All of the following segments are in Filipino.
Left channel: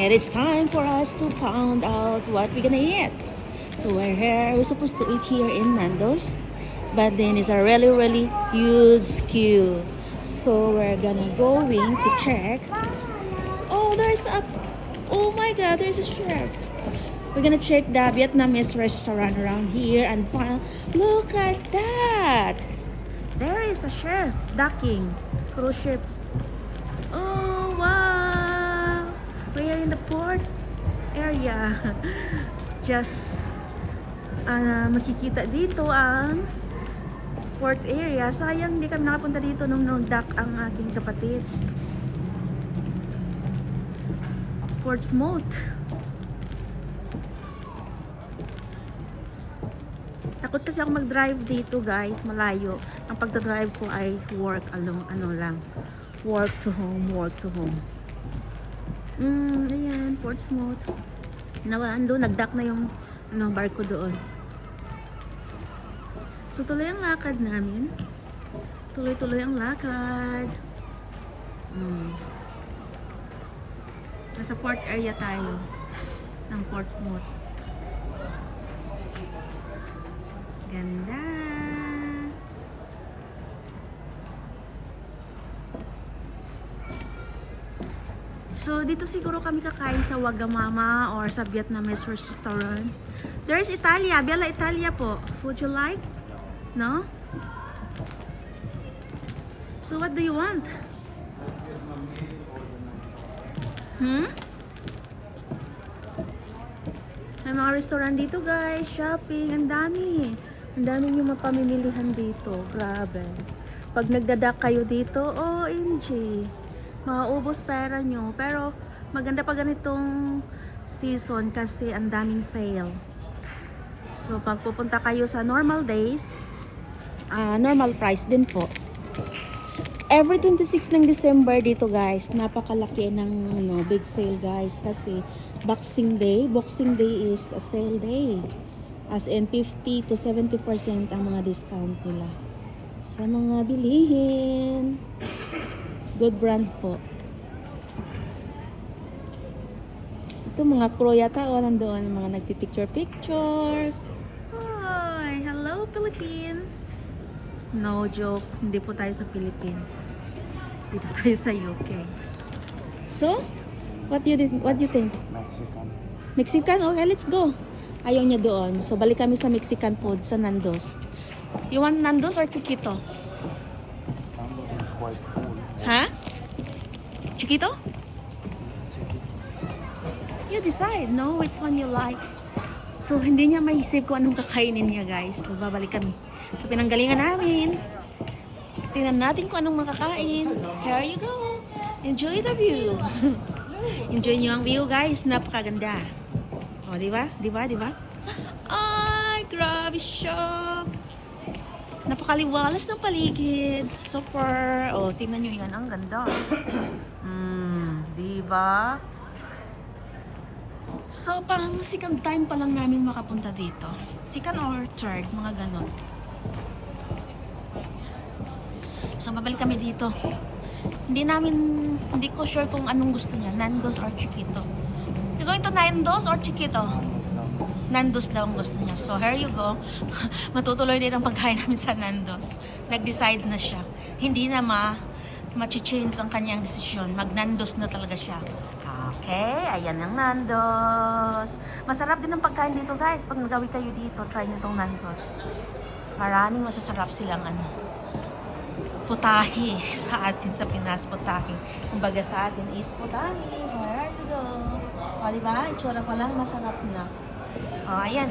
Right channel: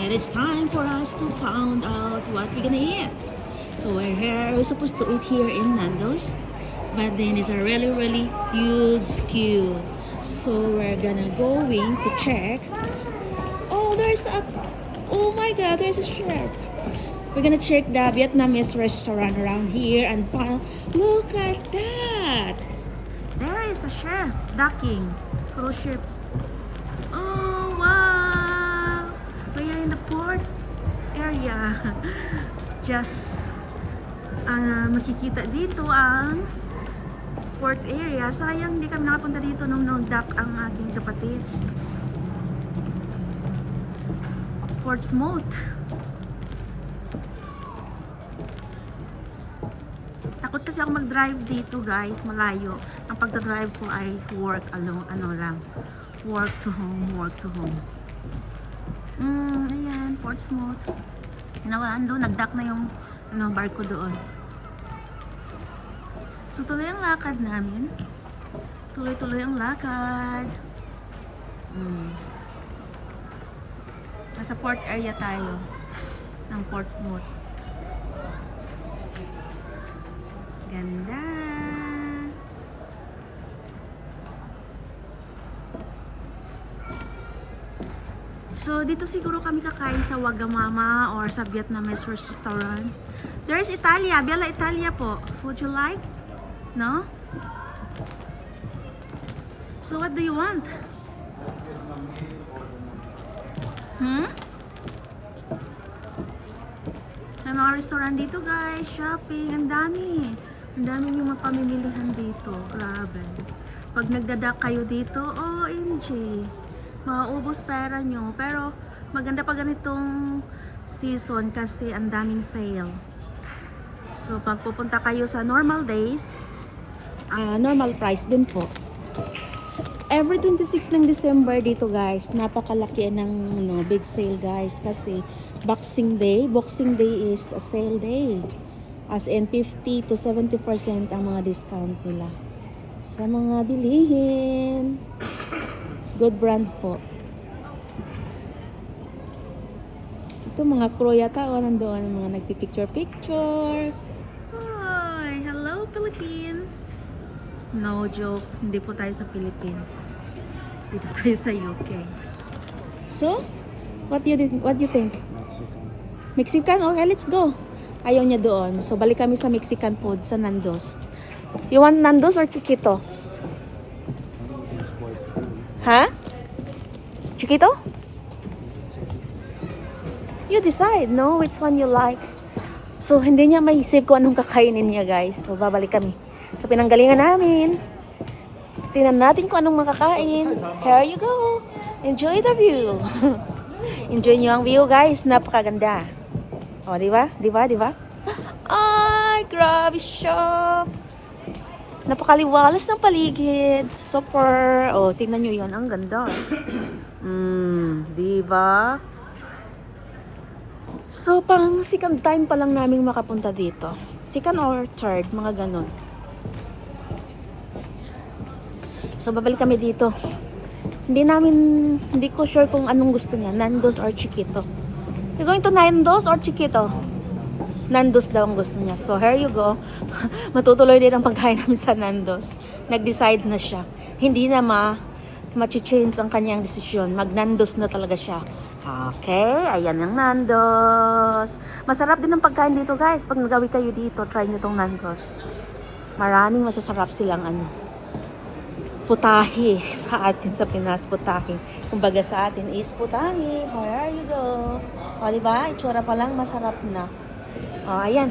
It is time for us to find out what we're gonna eat. So we're here. We're supposed to eat here in Nando's, but then it's a really huge queue. So we're gonna going to check. Oh, oh my God, there's a chef. We're gonna check the Vietnamese restaurant around here and find. Look at that. There is a chef ducking cruise ship. Oh wow. We are in the port area. Just makikita dito ang port area. Sayang hindi kami nakapunta dito nung nag-dock ang aking kapatid. Portsmouth. Takot kasi ako mag-drive dito, guys. Malayo. Ang pagdadrive ko ay work along work to home. Ayan, Portsmouth. Doon, nag-dock na yung barko doon. So, tuloy ang lakad namin. Tuloy ang lakad. Nasa port area tayo ng Portsmouth. Ganda. So, dito siguro kami kakain sa Wagamama or sa Vietnamese restaurant. There's Italia. Bella Italia po. Would you like? No? So, what do you want? May mga restaurant dito, guys. Shopping. Ang dami. Ang dami yung mapamimilihan dito. Grabe. Pag nagdadak kayo dito, OMG. Mauubos pera nyo. Pero maganda pa ganitong season kasi ang daming sale. So pag pupunta kayo sa normal days, normal price din po. Every 26 ng December dito, guys, napakalaki ng big sale, guys, kasi Boxing Day is a sale day. As in 50 to 70% ang mga discount nila sa mga bilihin. Good brand po. Ito mga crew yata nandoon, mga nagpipicture. Hi, hello Philippines. No joke, hindi po tayo sa Philippines. Dito tayo sa UK. So, what do you think? Mexican? Okay, let's go. Ayaw niya doon. So, balik kami sa Mexican food sa Nando's. You want Nando's or Chiquito? Ha? Chiquito? You decide, no? Which one you like. So, hindi niya maisip kung anong kakainin niya, guys. So, babalik kami sa pinanggalingan namin. Tingnan natin kung anong makakain. Here you go. Enjoy the view. Enjoy niyo ang view, guys. Napakaganda. O, diba? Ay, grabe siya. Napakaliwalas ng paligid. Super. Oh, tingnan nyo yan. Ang ganda. Diba? So, pang second time pa lang namin makapunta dito. Second or third, mga ganun. So, babalik kami dito. Hindi ko sure kung anong gusto niya. Nando's or Chiquito. You going to Nando's or Chiquito? Nando's daw ang gusto niya. So, here you go. Matutuloy din ang pagkain namin sa Nando's. Nag-decide na siya. Hindi na ma-change ang kanyang desisyon. Mag-Nando's na talaga siya. Okay, ayan ang Nando's. Masarap din ang pagkain dito, guys. Pag nagawi kayo dito, try nyo tong Nando's. Maraming masasarap silang putahe sa atin sa Pinas. Putahe. Kumbaga sa atin is putahe. There you go. O, diba? Itsura pa lang, masarap na. Ayan.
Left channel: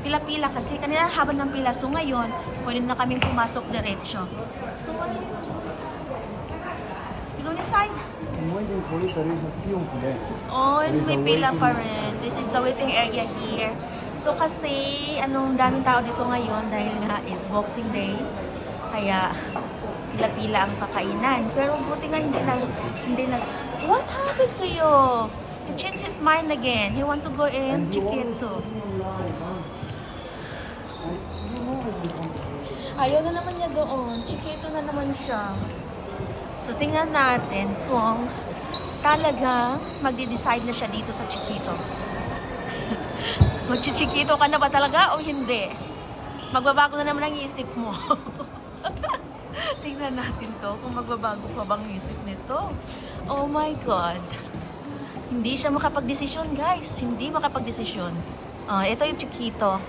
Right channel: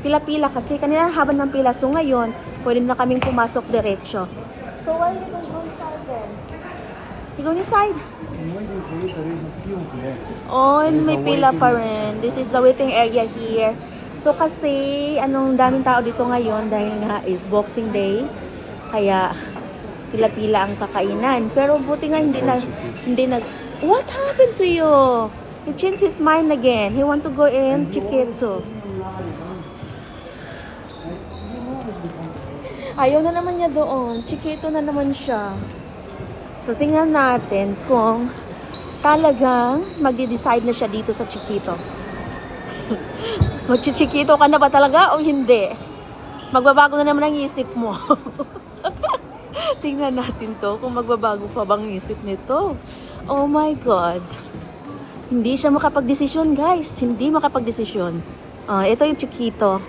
Pila-pila kasi kanina haba ng pila. So ngayon, pwede na kaming pumasok diretsyo. So why you go inside then? You go inside? I'm waiting for it. There is a queue there. Oh, may pila pa rin. This is the waiting area here. So kasi, daming tao dito ngayon dahil na is Boxing Day. Kaya, pila-pila ang kakainan. Pero buti nga hindi na. What happened to you? He changed his mind again. He want to go in Chiquito. Ayaw na naman niya doon. Chiquito na naman siya. So, tingnan natin kung talagang magde-decide na siya dito sa Chiquito. Magchichikito ka na ba talaga o hindi? Magbabago na naman ang isip mo. Tingnan natin to kung magbabago pa bang isip nito. Oh my God. Hindi siya makapag-desisyon, guys. Hindi makapag-desisyon. Ito yung Chiquito.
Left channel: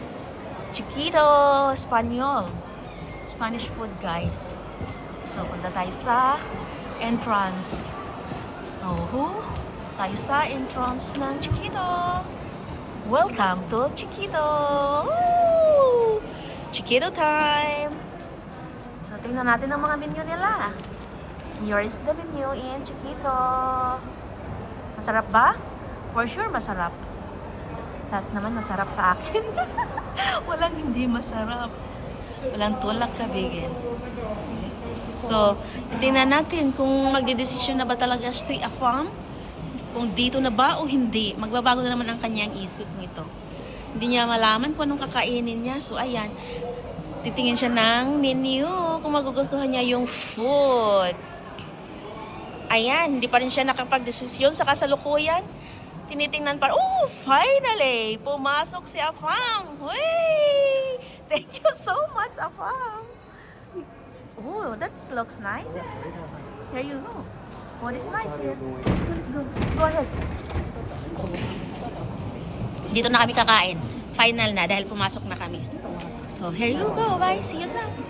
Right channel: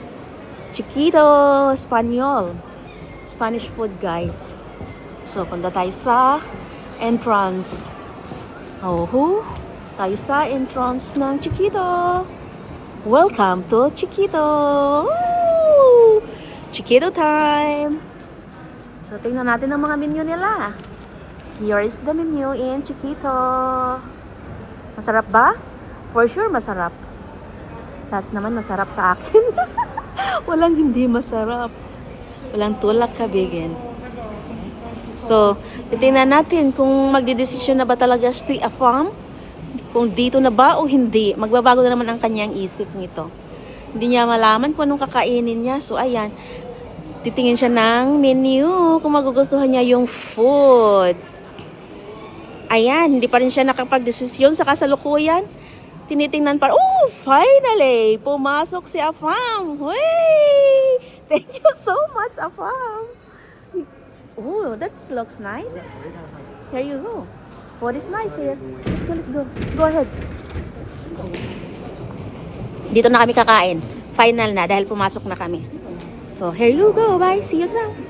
Chiquito Espanyol. Spanish food, guys. So, punta tayo sa entrance. Tayo sa entrance ng Chiquito. Welcome to Chiquito. Woo! Chiquito time. So, tingnan natin ang mga menu nila. Here is the menu in Chiquito. Masarap ba? For sure, masarap. Lahat naman masarap sa akin. Walang hindi masarap. Walang tulak kabigin. So, titingnan natin kung magdidesisyon na ba talaga si Afam. Kung dito na ba o hindi. Magbabago na naman ang kanyang isip nito. Hindi niya malaman kung anong kakainin niya. So, ayan. Titingin siya ng menu kung magugustuhan niya yung food. Ayan. Hindi pa rin siya nakapag-desisyon sa kasalukuyan. Tinitingnan pa. Oh, finally! Pumasok si Afam. Hey! Thank you so much, Afam. Oh, that looks nice. Here you go. What is nice here? Let's go. Go ahead. Dito na kami kakain. Final na dahil pumasok na kami. So, here you go. Bye. See you soon.